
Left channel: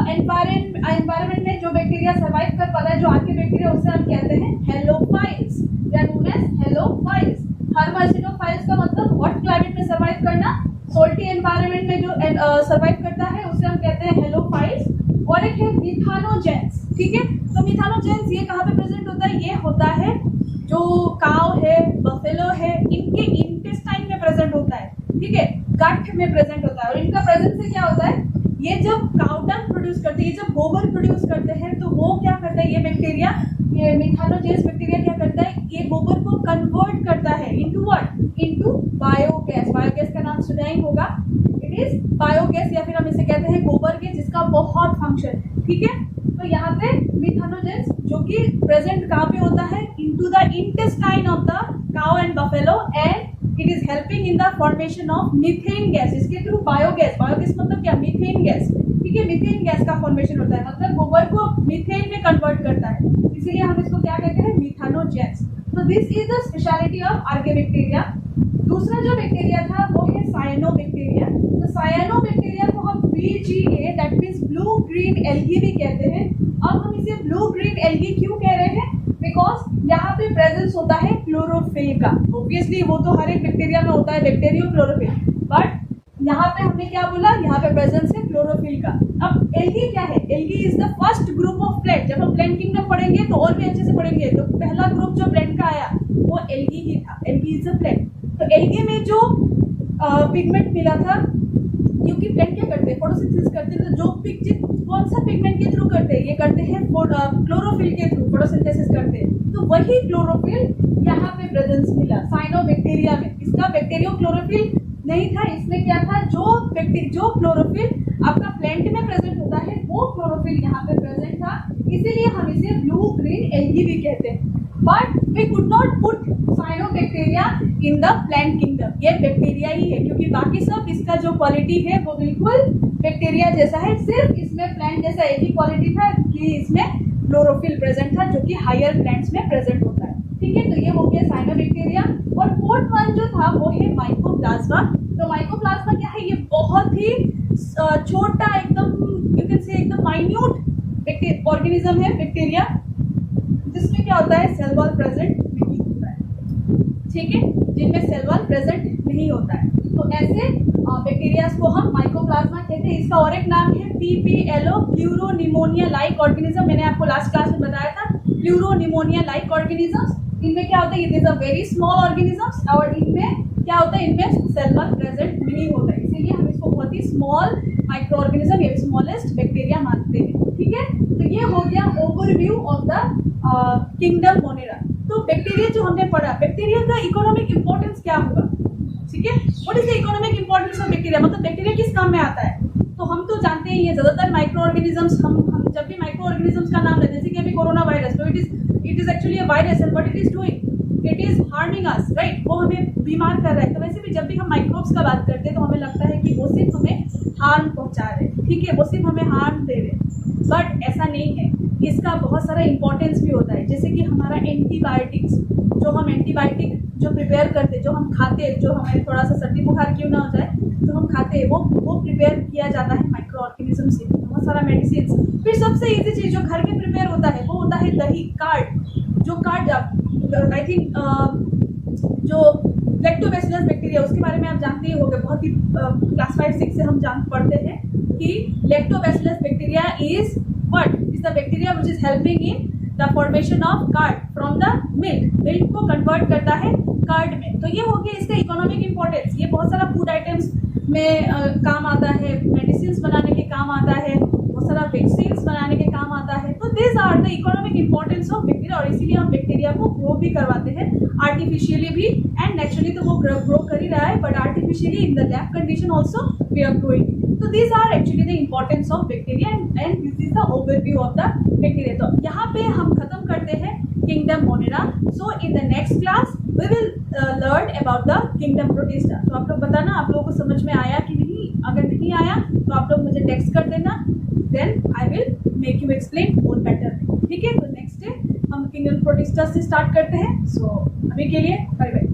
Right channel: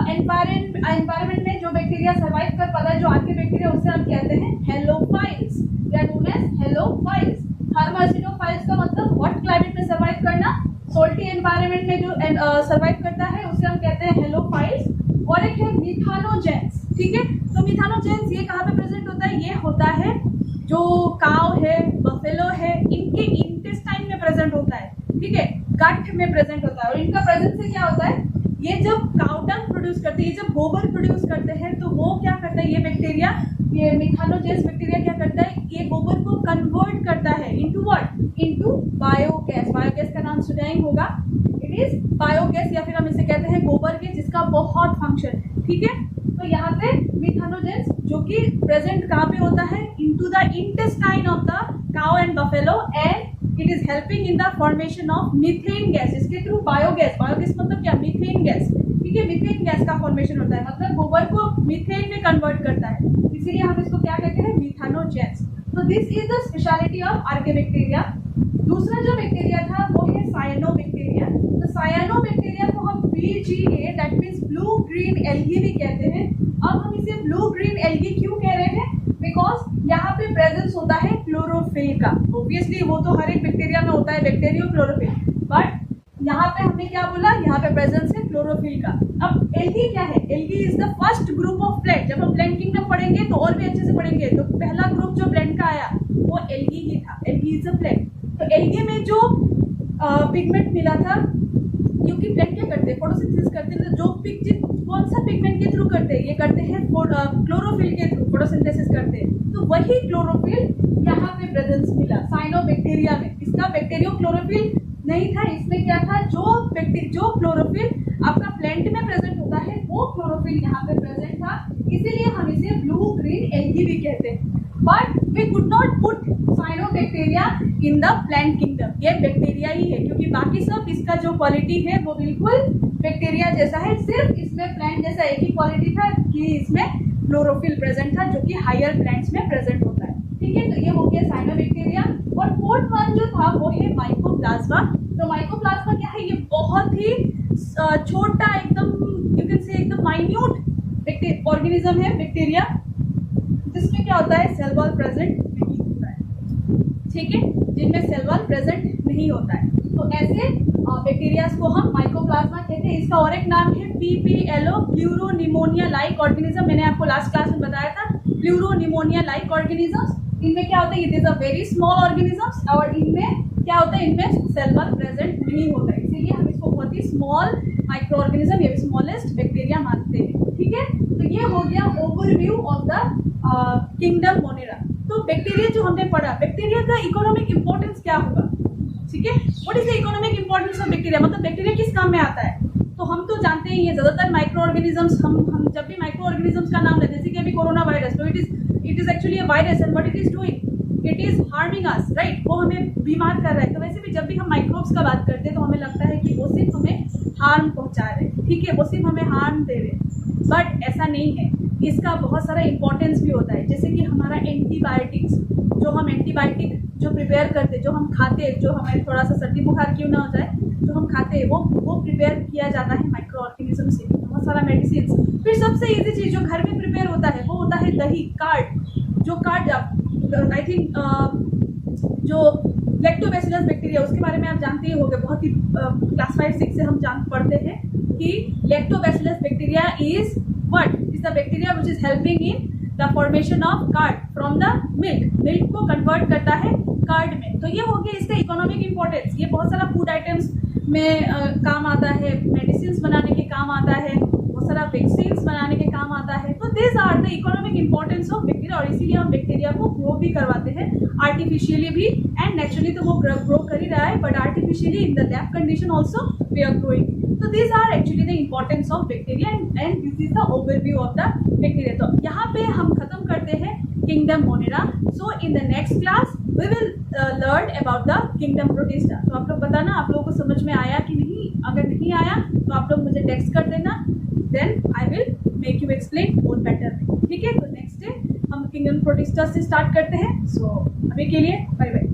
एनवायरनमेंट में जो बैक्टीरिया सर्वाइव कर पाता है, जो आर्के बैक्टीरिया, उसे हम कहते हैं halophiles. They are known as halophiles. Thermoacidophiles का मतलब हॉट क्लाइमेट में सर्वाइव करना, सोल्टी एनवायरनमेंट में जो सर्वाइव करता है उसे हम कहते हैं हेलोफाइल्स। और एक है मिथानोजेंस, ठीक है। तो मिथानोजेंस ये कहाँ पे प्रेजेंट होता है? ये होता है जो काव है, बफेलो है, इनके इंटेस्टाइन में प्रेजेंट होता है, ठीक है, गट में प्रेजेंट होता है। और इनका प्रेजेंस से क्या होता है, ये जब काउ डंग प्रोड्यूस करते हैं, ये जब गोबर प्रोड्यूस करते हैं, तो वो क्या करता है, ये बैक्टीरिया, ये मिथानोजेंस बैक्टीरिया क्या करता है, ये गोबर को कन्वर्ट करता है into what, into biogas. Biogas का नाम सुना ही होगा, इट इज बायोगैस, या फिर हम इसे कहते हैं गोबर गैस, जिसका बहुत फंक्शन है, ठीक है। तो यहाँ पे मिथानोजेंस जो कि प्रेजेंट कहाँ पे होता है, into the intestine of the cow and buffalo, and it is helping in the formation of methane gas. इसके थ्रू बायोगैस, बायोगैस मतलब क्या, मीथेन गैस, ठीक है, मीथेन गैस का फॉर्मेशन होता है, मतलब गोबर को मीथेन में कन्वर्ट करता है, इसीलिए हम इसको क्या कहते हैं, मिथानोजेंस। तो this is the speciality of आर्कियोबैक्टीरिया। दूसरा जो बैक्टीरिया था वो है साइनोबैक्टीरिया। तो साइनोबैक्टीरिया को हम BGA that means blue green algae भी कहते हैं। अब हम इसे ब्लू ग्रीन एल्गी क्यों कह रहे हैं? बिकॉज यहाँ पे प्रेजेंस होता है क्लोरोफिल का। ऑब्वियसली वो तो हर एक बैक्टीरिया में होता है, बैक्टीरियो क्लोरोफिल, बट यहाँ पे हमने क्या बोला, यहाँ पे प्रेजेंस है क्लोरोफिल का। अब एल्गी क्या है? Algae is the first group of plant. जब हम प्लांट किंगडम पढ़ेंगे तो और भी अच्छे से पढ़ेंगे। तो पहला ग्रुप जो प्लांट का आया वो एल्गी ही था। Algae is a plant. तो एल्गी में जो पिगमेंट मिला था, क्योंकि प्लांट क्या करते हैं, फोटोसिंथेसिस करते हैं, तो जो कौन सा पिगमेंट के थ्रू करते हैं? ये करते हैं क्लोरोफिल के थ्रू, फोटोसिंथेसिस करते हैं। तो वही क्लोरोफिल यहाँ पे प्रेजेंस मिला साइनोबैक्टीरिया में। इसका बैक्टीरियो क्लोरोफिल नहीं था, इसमें क्या था, जो क्लोरोफिल आपका प्लांट में प्रेजेंट होता है वो क्लोरोफिल यहाँ पे प्रेजेंट था, इसीलिए हम इसे ब्लू ग्रीन एल्गी भी कहते हैं। But we could not put cyanobacteria in the plant kingdom. ये बैक्टीरिया ही है, क्योंकि बाकी सब इसका जो क्वालिटी है वो बिल्कुल बैक्टीरिया जैसा है, सिर्फ इसमें प्लांट जैसा एक ही क्वालिटी था कि इसमें क्लोरोफिल प्रेजेंट था, जो कि हायर प्लांट्स में प्रेजेंट होता है। ठीक है, तो ये हो गया साइनोबैक्टीरिया। और फोर्थ वन जो था वो है माइकोप्लाज्मा। तो माइकोप्लाज्मा क्या है? ये बहुत ही छोटा, एकदम यू कैन से एकदम माइन्यूट ऑर्गेनिज्म है, बैक्टीरिया, जिसमें क्या होता है, सेल वॉल प्रेजेंट नहीं होता है। ठीक है, जिनमें सेल वॉल प्रेजेंट नहीं होता है, तो ऐसे बैक्टीरियाज को हम माइकोप्लाज्मा कहते हैं। इसका और एक नाम है PPLO, प्लूरोनिमोनिया लाइक ऑर्गेनिज्म। मैंने आपको लास्ट क्लास में बताया था, प्लूरोनिमोनिया लाइक ऑर्गेनिजम्स। इनमें क्या होता है, it is a very small organisms, और इनमें क्या होता है, इनमें सेल वॉल प्रेजेंट नहीं होता है, इसीलिए हम इसको बहुत ही स्मॉल माइक्रो ऑर्गेनिज्म या स्मॉलेस्ट बैक्टीरिया मानते हैं। ठीक है, तो ये हो गया overview of the kingdom Monera. तो बैक्टीरिया जो हमने पढ़ा, बैक्टीरिया का इकोनॉमिक इंपॉर्टेंस क्या होगा? ठीक है, what is the economic importance of bacteria, मतलब बैक्टीरिया किस काम में आता है? तो हम तो जानते ही हैं ज्यादातर माइक्रो ऑर्गेनिजम्स, हम जब भी माइक्रो ऑर्गेनिजम्स का नाम लेते हैं, जैसे कि अभी कोरोना वायरस, तो it is actually a virus and what it is doing, it is harming us, right. वो हमें बीमार कर रहा है। तो वैसे भी जब भी हम माइक्रोब्स का बात करते हैं तो हमें लगता है कि वो सिर्फ हमें हार्म पहुंचा रहे हैं, ठीक है, वो सिर्फ हमें हार्म दे रहे हैं, बट ऐसा नहीं है। इसका बहुत सारा इंपॉर्टेंस भी होता है, जैसे कि हमारा एंटीबायोटिक्स, जो हम एंटीबायोटिक जो प्रिपेयर करते हैं, जो हम खाते हैं, जो हमें थोड़ा सा सर्दी बुखार क्यों ना हो जाए, जो हम खाते हैं वो प्रिपेयर किया जाता है माइक्रो ऑर्गेनिज्म से। बहुत सारा मेडिसिन। फिर सबसे इजी चीज जो घर में प्रिपेयर होता है वो होता है दही, कार्ड। जो कार्ड आई थिंक जो लैक्टोबैसिलस बैक्टीरिया, उसके बारे में आप जानते ही होंगे, बहुत ही क्लास 5-6 से हम पढ़ते हैं कि lactobacillus bacteria is what is the bacteria which is helping in the formation of card from the milk को कन्वर्ट करता है कार्ड में। तो ये हो गया इसका इकोनॉमिक इंपॉर्टेंस। ये बहुत सारा फूड आइटम्स में काम आता है, मेडिसिन बनाने के काम आता है, बहुत सारा वैक्सीन बनाने के काम आता है। तो this are the economic importance of bacteria, और इसीलिए हम बैक्टीरिया को ग्रो भी करवाते हैं आर्टिफिशियली भी, एंड नेचुरली तो वो ग्रो कर ही रहा है, but artificially in the lab condition also we are growing. तो this are actually the importance of bacteria and this is the overview of the bacteria. तो यहाँ पे हम खत्म करते हैं kingdom Monera. So in the next class we will learn about the kingdom Protista. तो आप लोग बताना आप लोगों को समझ में आया कि नहीं। अगर नहीं आया तो आप लोग मुझे टेक्स्ट कर देना, then I will make you explain more better. ठीक है, तो नेक्स्ट डे हम किंगडम प्रोटिस्टा से स्टार्ट करते हैं। सो अभी के लिए बाय बाय।